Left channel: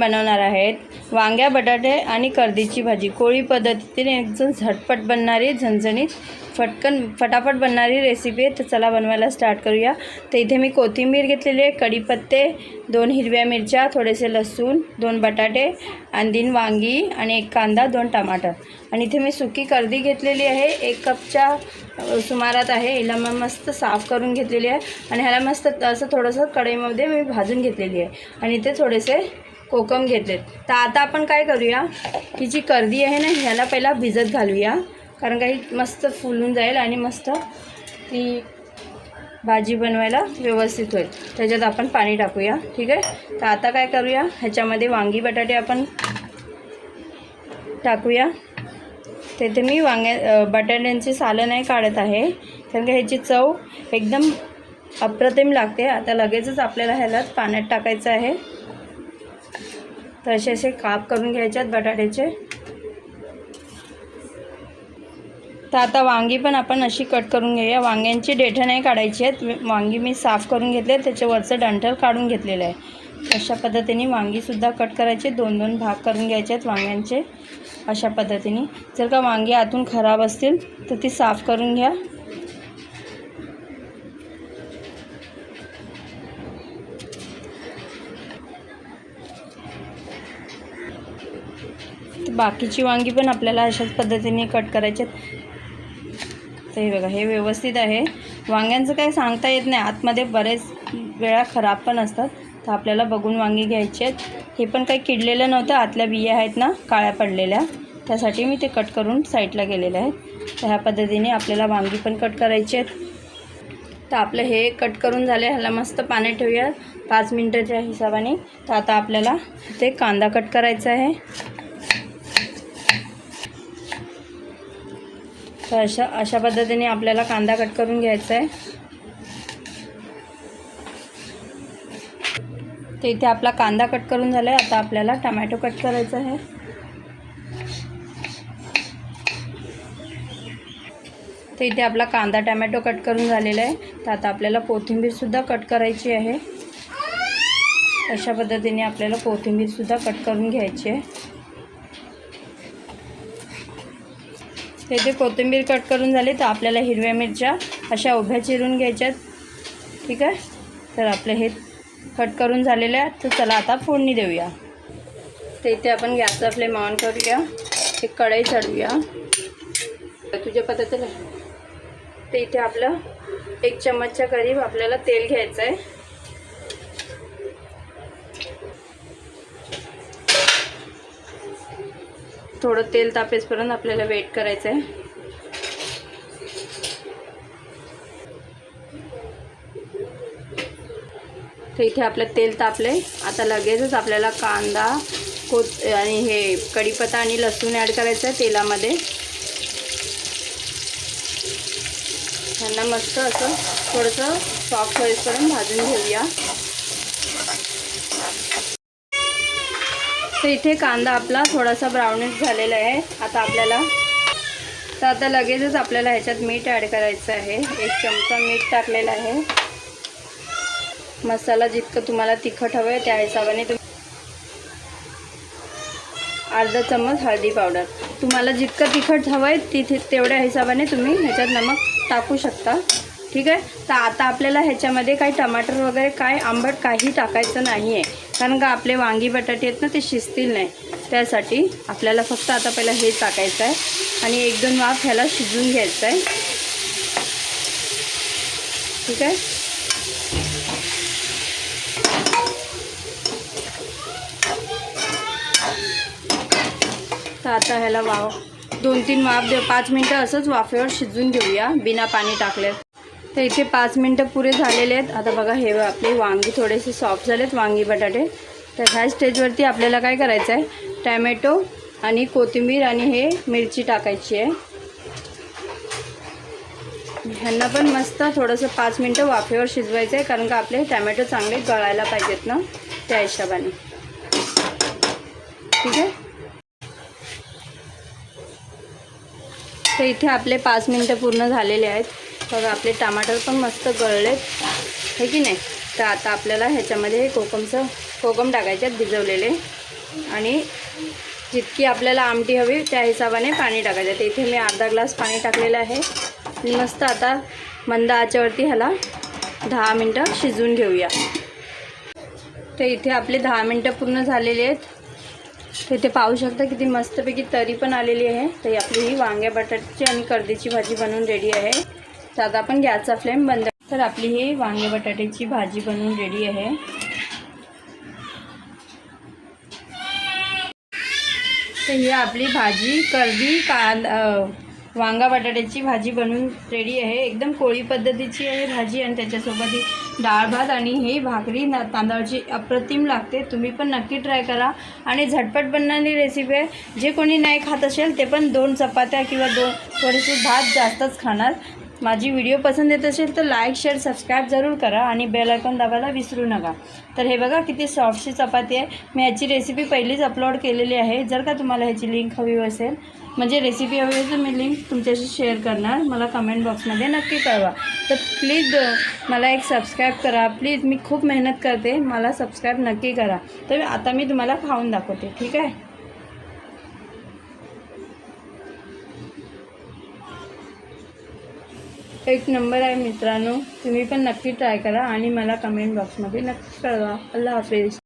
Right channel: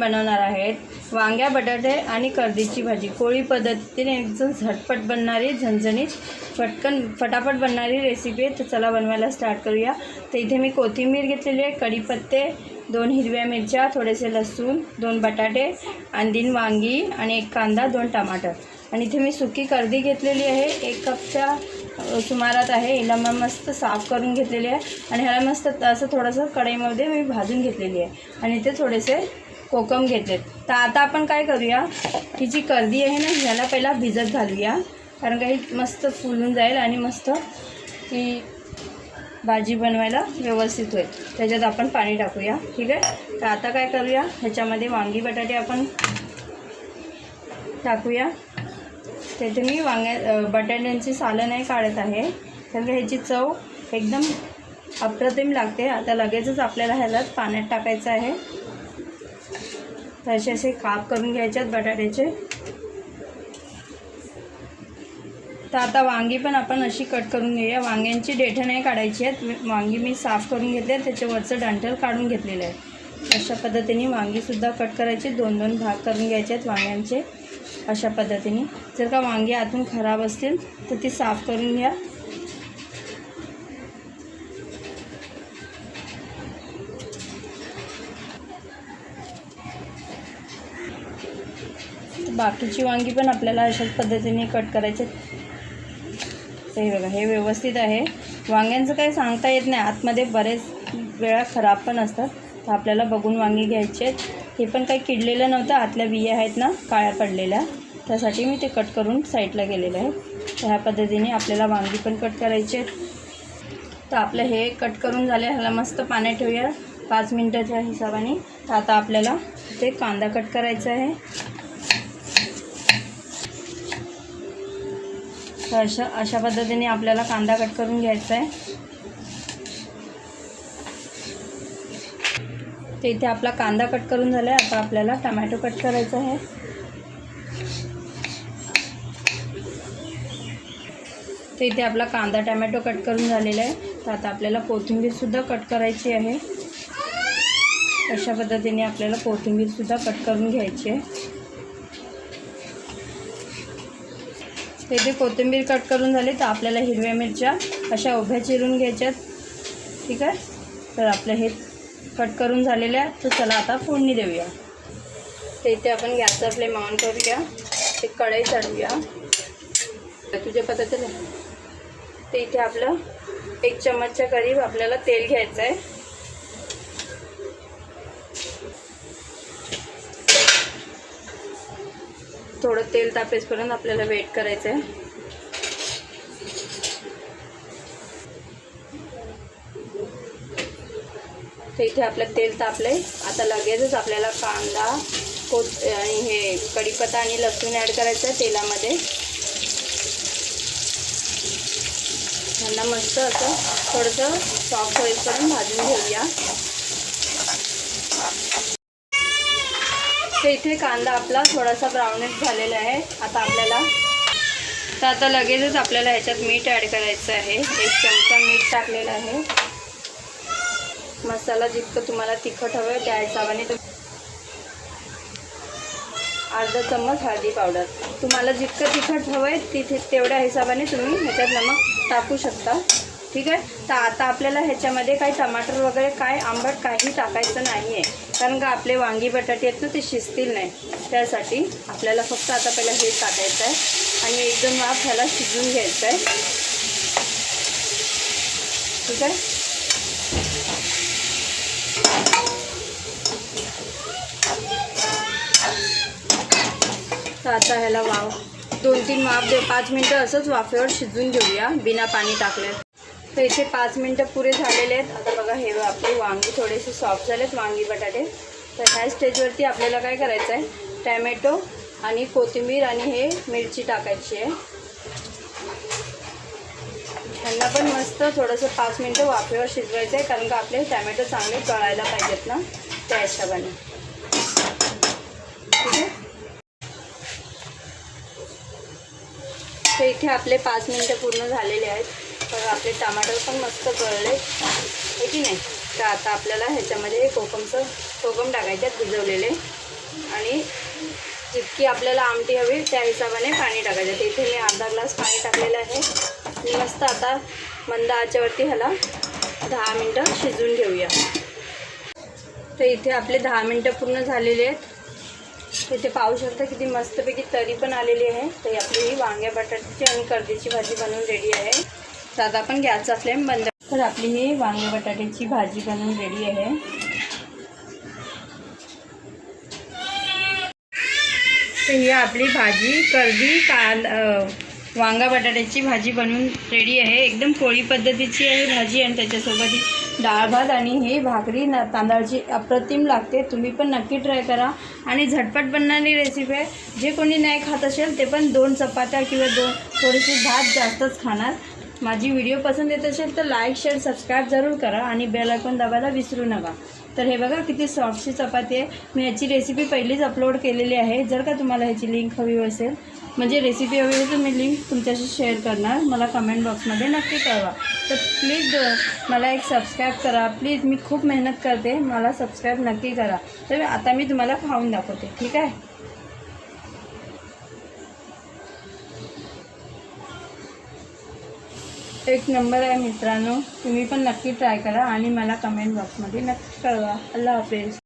बनवणार आहेत वांग्या बटाटे आणि कर्दीची भाजी। कोळी पद्धतीने एकदम झटपट बनणारी झणझणीत फटाफट बनणारी रेसिपी आहे। तर चला बनवायला स्टार्ट करूया। तर इथे मी कोथिंबीर घेतलेली आहे, कढीपत्ते, 2 हिरव्या मिरच्या, थोडेसे लसूण, 2 बटाटे आणि 3 वांगी आणि 1 कांदा, 2 टमाटर आणि इथे मी सुकी कर्दी घेतलेली आहे, 1 कपच्या सुमारात आहे। हिला मग मस्त साफ करून घेतलेली आहे आणि ह्याला मस्त असं थोडंसं कढईमध्ये मी भाजून घेतलेली आहे आणि इथे थोडेसे कोकम घेतलेत। तर आता आपण काय करूया, ही जी कर्दी आहे ना ह्याला पहिला भिजत घालूया, कारण काही मस्त फुलून जाईल आणि मस्त ती भाजी बनवायला व्यवस्थित होईल। त्याच्यात आपण पाणी टाकूया, ठीक आहे। तर आता काय करूया, ह्याच्यामध्ये वांगी बटाटे आपण टाकूया। तेथे मी बटाट्यांची सालं नाही काढत आहे, कारण की ह्याची चव एकदम अप्रतिम लागते। आता लगेचच आपल्याला ह्याला पाण्यात टाकायचं आहे। तर असे काप करून घ्यायचे आहेत बटाट्याचे। तर आता वांगी पण आपण अशी कट करून घेऊया। वांग्यांची देठं नाही काढायची आहेत, वांगी मी साफ करून घेतले, त्याच्यावरचं डंठल काढून घेतलेलं आहे। अशा पद्धतीने वांगीसुद्धा कट करायचे, 2-2 भाग करून घ्यायचे आहेत वांग्यांचे अशा पद्धतीने। जर का वांगी आतून खराब असतील तर ती साफ करून घ्या। बाकीची वांगी पण आपल्याला अशाच पद्धतीने कट करायचे। तर हे बघा, हे व्यवस्थित आहे। वांग्यांचं काही सांगता येत नाही, आतमध्ये बरेच वेळा खराब पण असतात, तर आपल्याला बघून वांगी घ्यायची आहेत। हे पण काही किडलेलं नव्हतं, आतल्या बिया आहेत ना काळ्या पडलेल्या, त्यासाठी मी ते कट करून साईडला गेलेले आहेत। तर ह्या पद्धतीने आपल्याला वांगी पण कट करायची आहेत। तर आपलं हे कट करून झाले, ह्याला मस्त पाण्यात ठेवूया 5 मिनिटाच्या हिशोबाने। तर आता आपल्याला ते कांदा कट करायचा आहे। तर अशा पद्धतीने आपल्याला कांदा कट करून घ्यायचा आहे। तर इथे आपला कांदा कट करून झाला आहे। आता आपल्याला टमॅटो कट करायचा आहे। तर इथे आपला कांदा टमॅटो कट करून झालेला आहे। तर आता आपल्याला कोथिंबीरसुद्धा कट करायची आहे। अशा पद्धतीने आपल्याला कोथिंबीरसुद्धा कट करून घ्यायची आहे। तर इथे कोथिंबीर कट करून झाली, तर आपल्याला हिरव्या मिरच्या अशा उभ्या चिरून घ्यायच्यात, ठीक आहे। तर आपले हे कट करून झालेले आहे। तर चला आता फोडणी देऊया। तर इथे आपण गॅसचा फ्लेम ऑन करूया, एक कढई चढवूया तुझ्या पद्धतीने। तर इथे आपलं 1 चम्मचच्या करीब आपल्याला तेल घ्यायचं आहे। थोडं तेल तापेपर्यंत आपल्याला वेट करायचं आहे। तर इथे आपलं तेल तापले, आता लगेचच आपल्याला कांदा आणि हे कढीपत्ता आणि लसूण ॲड करायचं आहे तेलामध्ये। त्यांना मस्त असं थोडंसं सॉफ्ट होईपर्यंत भाजून घेऊया। तर इथे कांदा आपला थोडासा ब्राउनिश झालेला आहे। आता लगेचच आपल्याला ह्याच्यात मीठ ॲड करायचं आहे। 1 चमचा मीठ टाकलेलं आहे। मसाला जितकं तुम्हाला तिखट हवं आहे त्या हिशोबाने अर्धा चम्मच हळदी पावडर, तुम्हाला जितकं तिखट हवं आहे तेवढ्या हिशोबाने तुम्ही ह्याच्यात नमक टाकू शकता, ठीक आहे। तर आता आपल्याला ह्याच्यामध्ये काही टमाटर वगैरे काय आंबट काही टाकायचं नाही आहे, कारण का आपले वांगी बटाटे आहेत ना ते शिजतील नाही, त्यासाठी आपल्याला फक्त आता पहिला हे टाकायचं आहे आणि 1-2 वाफ ह्याला शिजवून घ्यायचं आहे, ठीक आहे। तर आता ह्याला 2-3 वाफ 5 मिनटं असंच वाफेवर शिजवून घेऊया बिना पाणी टाकले। तर इथे 5 मिनटं पुरे झालेले आहेत। आता बघा, हे आपले वांगी थोडेसे सॉफ्ट झालेत, वांगी बटाटे। तर ह्या स्टेजवरती आपल्याला काय करायचं आहे, टॅमॅटो आणि कोथिंबीर आणि हे मिरची टाकायची आहे। ह्यांना पण मस्त थोडंसं 5 मिनटं वाफेवर शिजवायचं आहे, कारण का आपले टॅमॅटो चांगले गळायला पाहिजेत ना त्या हिशोबाने, ठीक आहे। तर इथे आपले 5 मिनटं पूर्ण झालेले आहेत। तर आपले टमाटर पण मस्त गळले, हे की नाही। तर आता आपल्याला ह्याच्यामध्ये कोकमचं कोकम टाकायच्यात भिजवलेले आणि जितकी आपल्याला आमटी हवी त्या हिशोबाने पाणी टाकायचं. तर इथे मी अर्धा ग्लास पाणी टाकलेलं आहे. मस्त आता मंद आचेवरती ह्याला 10 मिनटं शिजवून घेऊया. तर इथे आपले 10 मिनटं पूर्ण झालेले आहेत. तर इथे पाहू शकता किती मस्तपैकी तरी पण आलेली आहे. तर आपली ही वांग्या बटाट्याची आणि कर्दीची भाजी बनवून रेडी आहे. तर आता आपण गॅसचा फ्लेम बंद. तर आपली ही वांग्या बटाट्याची भाजी बनवून रेडी आहे. तर ही आपली भाजी कर्दी वांगा बटाट्याची भाजी बनवून रेडी आहे. एकदम पोळी पद्धतीची आहे भाजी आणि त्याच्यासोबत ही डाळ भात आणि ही भाकरी तांदळाची अप्रतिम लागते. तुम्ही पण नक्की ट्राय करा आणि झटपट बनणारी रेसिपी आहे. जे कोणी नाही खात असेल ते पण 2 चपात्या किंवा थोडीशी भात जास्तच खाणार. माझी व्हिडिओ पसंत येत असेल तर लाईक शेअर सबस्क्राईब जरूर करा आणि बेल आयकॉन दाबायला विसरू नका. तर हे बघा किती सॉफ्टशी चपाती आहे. मी ह्याची रेसिपी पहिलीच अपलोड केलेली आहे. जर का तुम्हाला ह्याची लिंक हवी असेल म्हणजे रेसिपी हवी असेल तर मी लिंक तुमच्याशी शेअर करणार. मला कमेंट बॉक्समध्ये नक्की कळवा. तर प्लीज मला एक सबस्क्राईब करा प्लीज. मी खूप मेहनत करते, मला सबस्क्राईब नक्की करा. तर आता मी तुम्हाला खाऊन दाखवते, ठीक आहे. एक नंबर आहे मित्रांनो. तुम्ही पण नक्की ट्राय करा आणि मला कमेंट बॉक्समध्ये नक्की कळवा. अल्लाह हाफिज.